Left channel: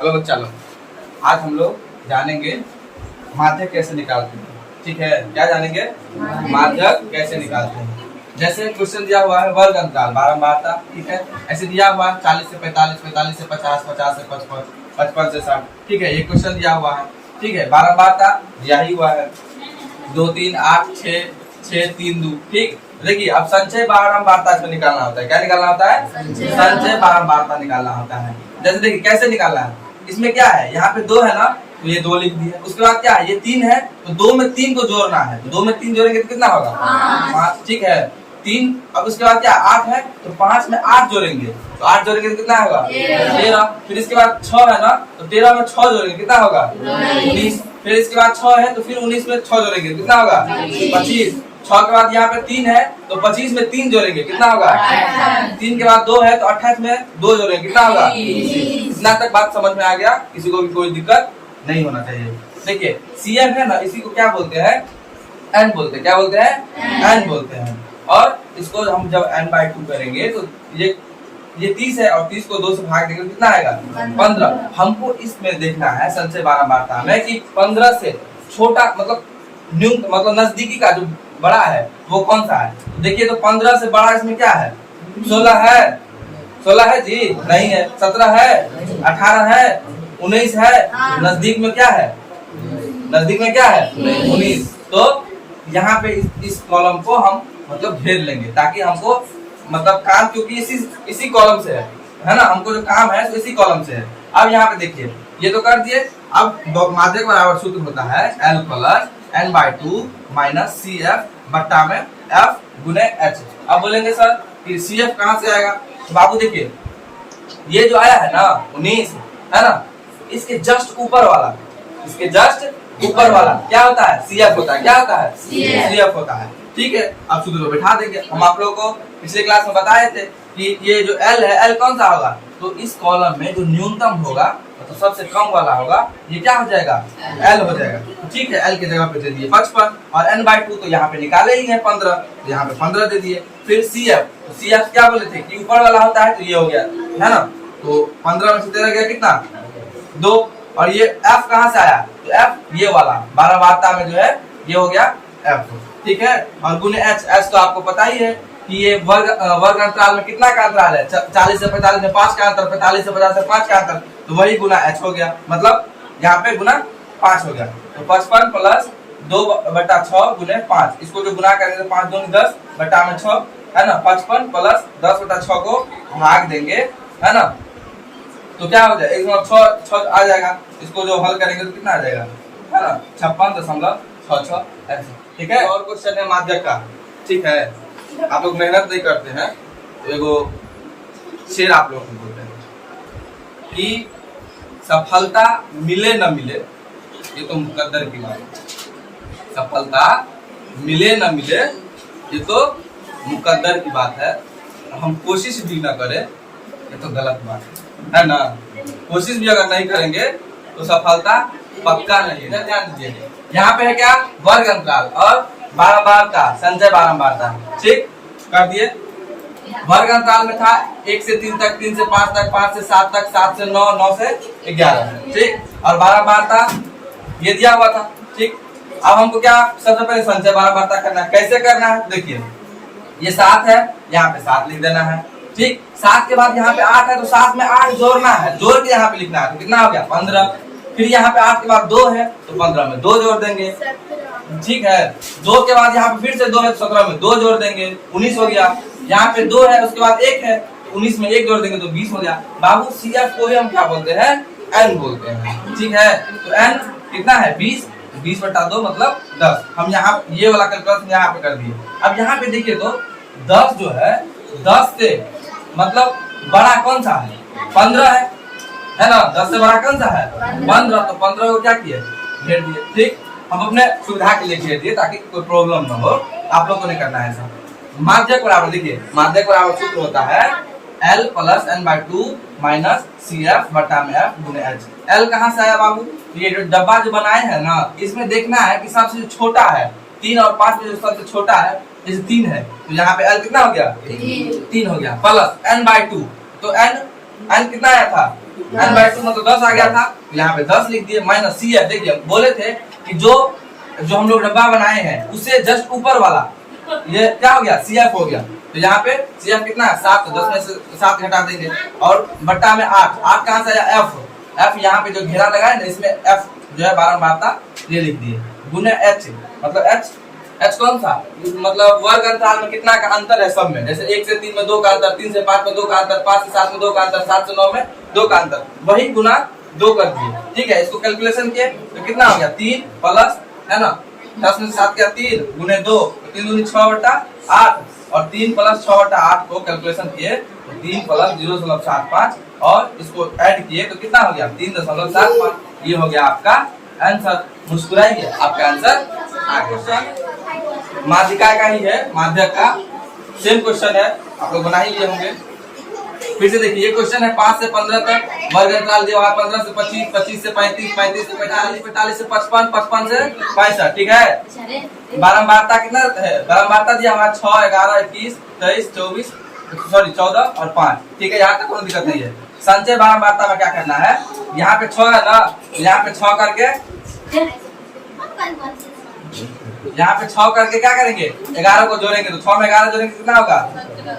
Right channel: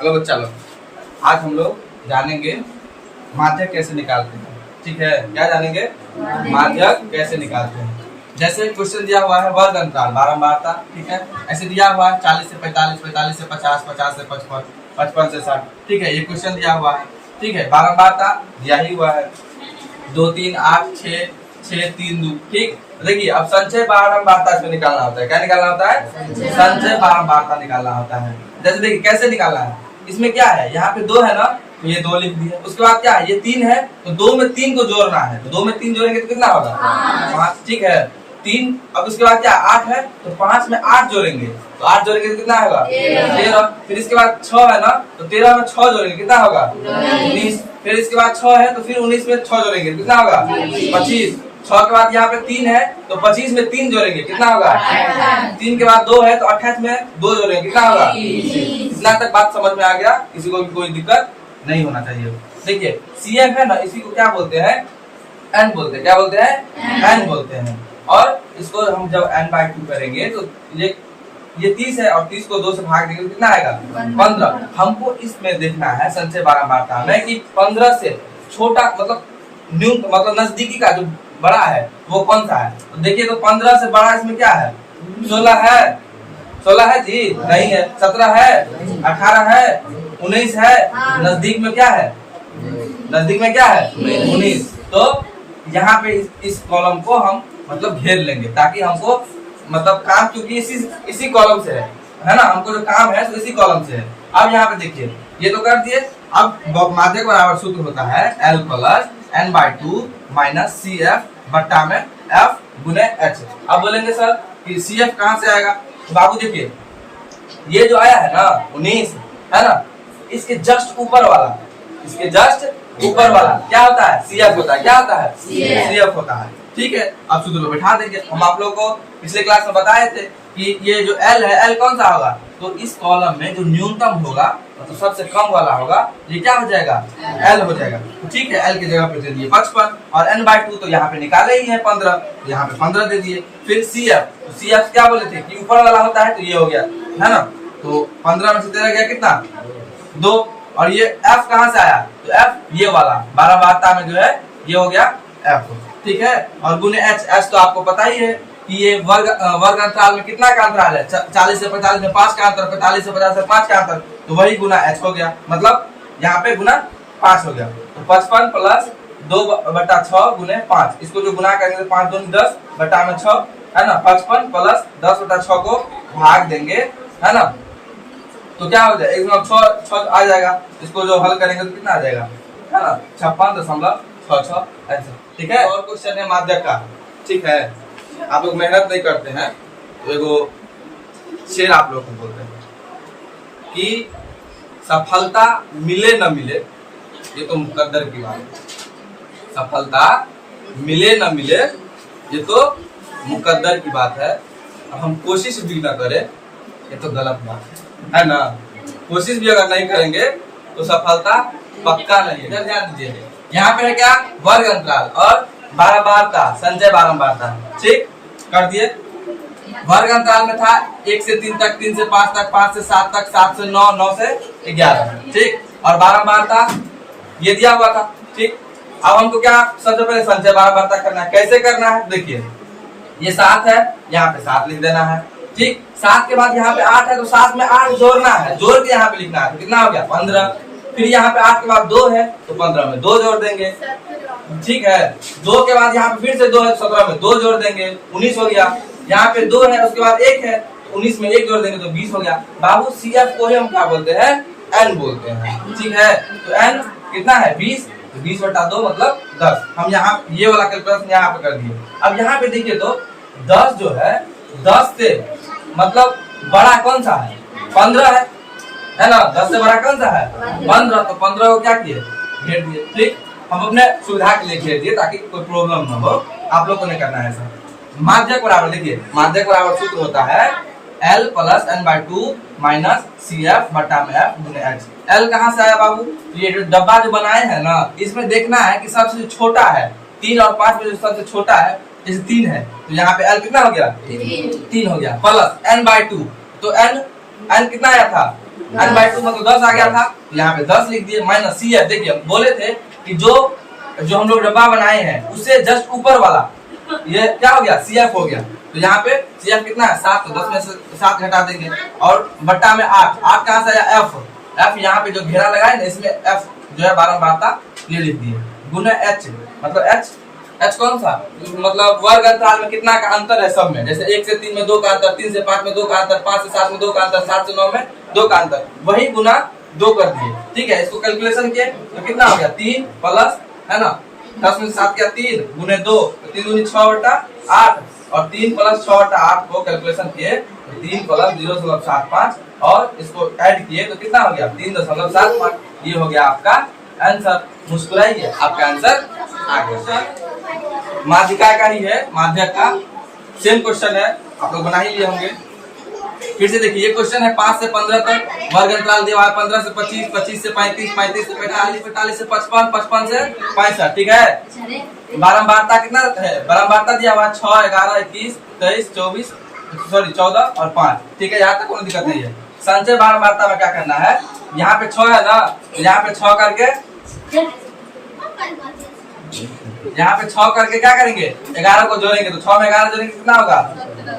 Hello बच्चा लोग, आज हम लोग जानेंगे माध्यक कैसे निकालते हैं। ठीक है, क्या जानेंगे? माध्यक कैसे निकालते हैं। जैसे क्वेश्चन दिया हुआ है वर्ग अंतराल बारंबारता, ठीक है, ऐसे दिया हुआ है 40 से 45, 45 से 50, 50 से 55, 55 से 60। ठीक है, ये क्वेश्चन दिया हुआ है। ठीक है, बारंबारता दिया ही हुआ है 2 3 8 6 6 3 2। ठीक, देखिए अब संचय बारंबारता इसमें निकालना होता है। क्या निकालना होता है? संचय बारंबारता निकालना होता है। जैसे देखिए कैसे निकालना है। इसमें क्या है, यहाँ पे 2 है ना, तो ये 2 लिख दिया। उसके बाद क्या है, ये 3 है, तो 2 में 3 को जोड़ना है। तो 2 में 3 जोड़ेंगे तो कितना होगा? 5। ठीक है, 3। अब उसके बाद क्या 8 है, तो 5 में 8 जोड़ेंगे, तो 8 जोड़ेंगे तो कितना होगा? 13। फिर इसके बाद 6 है ना, तो 13 में 6 जोड़ेंगे कितना होगा? 19। फिर इसके बाद 6 है, तो फिर 19 में 6 जोड़ेंगे कितना होगा? 25। 6 के बाद यहाँ पे 3 है, तो 25 में 3 जोड़ेंगे कितना होगा? 3 के बाद 2 है, तो 28 में 2 जोड़ेंगे कितना होगा? इतना तक बात समझ में आ गया? किसी को भी कोई दिक्कत नहीं होना चाहिए। देखिए CF है ना, इसी को क्या बोलते हैं? N बोलते हैं। क्या बोलते हैं? N बोलते हैं। और इसको हम जब n/2 करेंगे तो ये 30 है, और 30 को 2 से भाग देंगे तो कितना आएगा? 15। हमको इसमें देखना है संचय बारंबारता में कि 15 से छोटा मतलब न्यूनतम मतलब नजदीकी का जो बड़ा है वो कौन सा है। तो देखिए, तो 15 से बड़ा इसमें क्या है? 16 है। 16 है जी? नहीं है। 17 है, 18 है, 19 है। नजदीक में क्या है? नजदीक में क्या है? 19। तो यहाँ पे इस कॉलम को हम मतलब घेर लेंगे, ताकि हमको मतलब काम, क्योंकि इसी कॉलम से है ना, हमको जो काम है तो इसी कॉलम से है। अब यहाँ पे देखिए, ये तो कर दिए। अब माध्यक बराबर सूत्र होता है L plus n/2 minus CF बट्टा में F गुने H। अब बोलेंगे सर कि CF कहाँ से आएगा? तो बाबू देखिए, ये जो आया है ना 19 है ना, इसके जस्ट ऊपर वाला, इसके जस्ट ऊपर वाला क्या होता है? CF होता है। क्या होता है? CF होता है। ठीक है, अब सूत्र में बैठा देंगे। हम आप लोगों को पिछले क्लास में बताए थे कि ये जो L है, L कौन सा होगा? तो इस कॉलम में जो न्यूनतम होगा, तो सबसे कम वाला होगा, ये क्या हो जाएगा? L हो जाएगा। ठीक है, L की जगह पे दे दिए 55, और n/2 तो यहाँ पे निकाले ही है 15, तो यहाँ पे 15 दे दिए। फिर CF, तो CF क्या बोले थे कि ऊपर वाला होता है, तो ये हो गया है ना। तो 15 में से 13 गया कितना? 2। और ये F कहाँ से आया? तो F ये वाला बारंबारता में जो है ये हो गया F। ठीक है, और गुने H तो आपको पता ही है कि ये वर्ग अंतराल में कितना का अंतराल है? 40 से 45 में 5 का अंतर, 45 से 50 से 5 का अंतर, तो वही गुना H हो गया। मतलब यहाँ पे गुना 5 हो गया। तो 55 प्लस 2/6 गुने 5, इसको जो गुना करेंगे तो 5 दूनी 10 बटा में 6 है ना। 55 प्लस 10/6 को भाग देंगे है ना, तो क्या हो जाएगा? 6 आ जाएगा। इसको जो हल करेंगे तो कितना आ जाएगा है ना? 56.66 ऐसा। ठीक है, और क्वेश्चन है माध्यक का। ठीक है, आप लोग मेहनत नहीं करते हैं तो एगो शेर आप लोग को बोलते हैं कि सफलता मिले न मिले, ये तो मुकद्दर की बात है। सफलता मिले न मिले, ये तो मुकद्दर की बात है। अब हम कोशिश भी न करें, ये तो गलत बात है ना। कोशिश भी अगर नहीं करेंगे तो सफलता पक्का नहीं है। ध्यान दीजिए, यहाँ पे है क्या? वर्ग अंतराल और बारंबारता, संचय बारंबारता। ठीक, कर दिए। वर्ग अंतराल में था 1 से 3 तक, 3 से 5 तक, 5 से 7 तक, 7 से 9, 9 से 11। ठीक, और बारंबारता ये दिया हुआ था। ठीक, अब हमको क्या सबसे पहले संचय बारंबारता करना है। कैसे करना है? देखिए, ये 7 है, यहाँ पे 7 लिख देना है। ठीक, 7 के बाद यहाँ पे 8 है, तो 7 में 8 जोड़ना है, जोड़ के यहाँ पे लिखना है, तो कितना हो गया? 15। फिर यहाँ पे 8 के बाद 2 है, तो 15 में 2 जोड़ देंगे। ठीक है, 2 के बाद यहाँ पे फिर से 2 है, तो 17 में 2 जोड़ देंगे, 19 हो गया। यहाँ पे 2 है, उसके बाद 1 है, तो 19 में 1 जोड़ देंगे तो 20 हो गया। बाबू CF को ही हम क्या बोलते हैं? N बोलते हैं। ठीक है, तो N कितना है? 20। 20/2 मतलब 10। हम यहाँ ये वाला कैलकुलेशन यहाँ पे कर दिए। अब यहाँ पे देखिए तो 10 जो है, 10 से मतलब बड़ा कौन सा है? 15 है ना। 10 से बड़ा कौन सा है? 15। तो 15 को क्या किए? घेर दिए। ठीक, हम अपने सुविधा के लिए घेर दिए ताकि कोई प्रॉब्लम ना हो। आप लोग को नहीं करना है ऐसा। माध्यक बराबर, देखिए माध्यक बराबर सूत्र होता है L plus n/2 minus CF बटा में F गुने H। L कहाँ से आया बाबू? तो ये जो डब्बा जो बनाए हैं ना, इसमें देखना है कि सबसे छोटा है 3 और 5 में जो सबसे छोटा है जैसे 3 है, तो यहाँ पे L कितना हो गया? 3 हो गया। प्लस n/2, तो n कितना आया था? n/2 मतलब 10 आ गया था, यहाँ पे 10 लिख दिए माइनस CF। देखिए बोले थे कि जो हम लोग डब्बा बनाए हैं उससे जस्ट ऊपर वाला ये क्या हो गया, CF हो गया। तो यहाँ पे CF कितना है 7, तो 10 में से 7 घटा देंगे और बट्टा में 8 कहाँ से आया, F यहाँ पे जो घेरा लगा है ना इसमें F जो है बारंबारता ये लिख दिए, गुना H मतलब H कौन सा, मतलब वर्ग अंतराल में कितना का अंतर है सब में, जैसे 1 से 3 में 2 का अंतर, 3 से 5 में 2 का अंतर, 5 से 7 में 2 का अंतर, 7 से 9 में 2 का अंतर, वही गुना 2 कर दिए। ठीक है, इसको कैलकुलेशन किए तो कितना हो गया 3 प्लस है ना 10 में 7 क्या 3 गुने 2, 3 दूनी 6/8 और 3 प्लस 6/8 को कैलकुलेशन किए तो 3 प्लस 0.75 और इसको ऐड किए तो कितना हो गया 3.75। ये हो गया आपका आंसर। मुस्कुराइए, आपका आंसर आ गया। माध्यिका का ही है, माध्यक का सेम क्वेश्चन है, आप लोग बना ही लिए होंगे। फिर से देखिए ये क्वेश्चन है 5 से 15 तक वर्ग अंतराल दिया है, 15 से 25, 25 से 35, 35 से 45, 45 से 55, 55 से 65। ठीक है, बारंबारता कितना है, बारंबारता दिया हुआ 6, 11, 21, 23, 24 सॉरी 14 और 5। ठीक है, यहाँ तक कोई दिक्कत नहीं है। संचय बारंबारता में क्या करना है, यहाँ पे 6 है ना, यहाँ पे 6 करके यहाँ पे 6 करके क्या करेंगे 11 को जोड़ेंगे, तो 6 में 11 जोड़ेंगे कितना होगा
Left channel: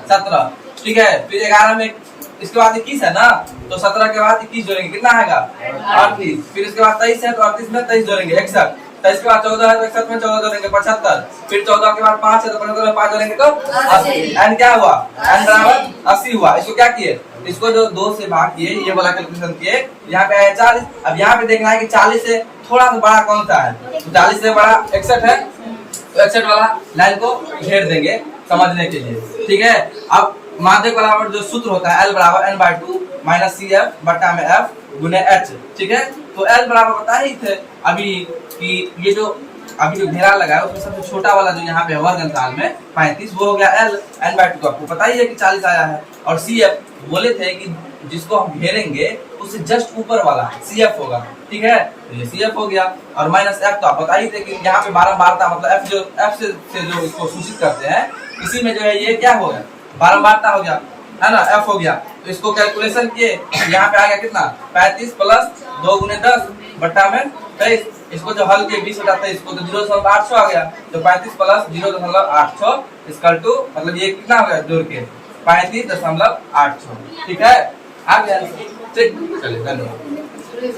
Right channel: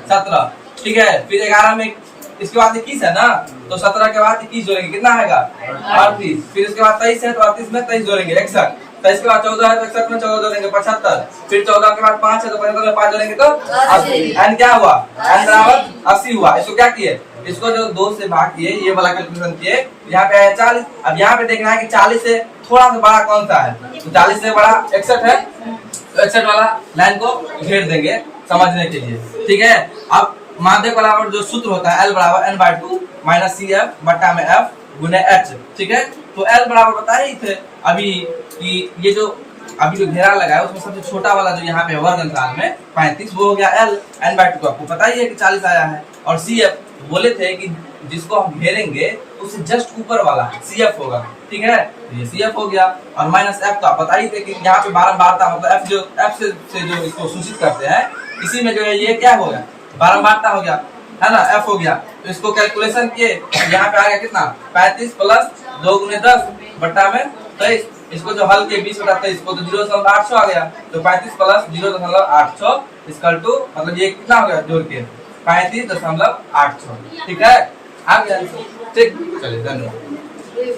17। ठीक है, फिर 11 में इसके बाद 21 है ना, तो 17 के बाद 21 जोड़ेंगे कितना आएगा 38। फिर इसके बाद 23 है तो 38 में 23 जोड़ेंगे 61। 23 के बाद 14 है तो 61 में 14 जोड़ेंगे 75। फिर 14 के बाद 5 है तो 75 में 5 जोड़ेंगे तो 80। एन क्या हुआ, एन बराबर 80 हुआ। इसको क्या किए, इसको जो 2 से भाग किए, ये वाला कैलकुलेशन किए, यहाँ पे आया 40। अब यहाँ पे देखना है कि 40 से थोड़ा सा बड़ा कौन सा है, तो 40 से बड़ा 61 है, तो 61 वाला लाइन को घेर देंगे समझने के लिए। ठीक है, अब माध्यक बराबर जो सूत्र होता है L बराबर n/2 माइनस CF बट्टा में F गुने H। ठीक है, तो L बराबर बता ही थे अभी कि ये जो अभी जो घेरा लगा है उसमें सबसे छोटा वाला जो यहाँ पे वर्ग अंतराल में 35 वो हो गया L, n/2 आपको पता ही है कि 40 आया है, और CF बोले थे कि जिसको हम घेरेंगे उससे जस्ट ऊपर वाला CF होगा। ठीक है, तो ये CF हो गया, और माइनस F तो आप बता ही थे कि यहाँ पे बारंबारता मतलब F से जो इसको सूचित करते हैं इसी में जो है ये क्या हो गया बारंबारता हो गया है ना, F हो गया। तो इसको कैलकुलेशन किए यहाँ पे आ गया कितना 35 प्लस 2 गुने 10 बट्टा में 23। इसको जो हल के 20/23 को तो 0.800 आ गया, तो 35 प्लस 0.800 इसका टू मतलब ये कितना हो गया जोड़ के 35.800। ठीक है, आ गया। ठीक, चलिए धन्यवाद।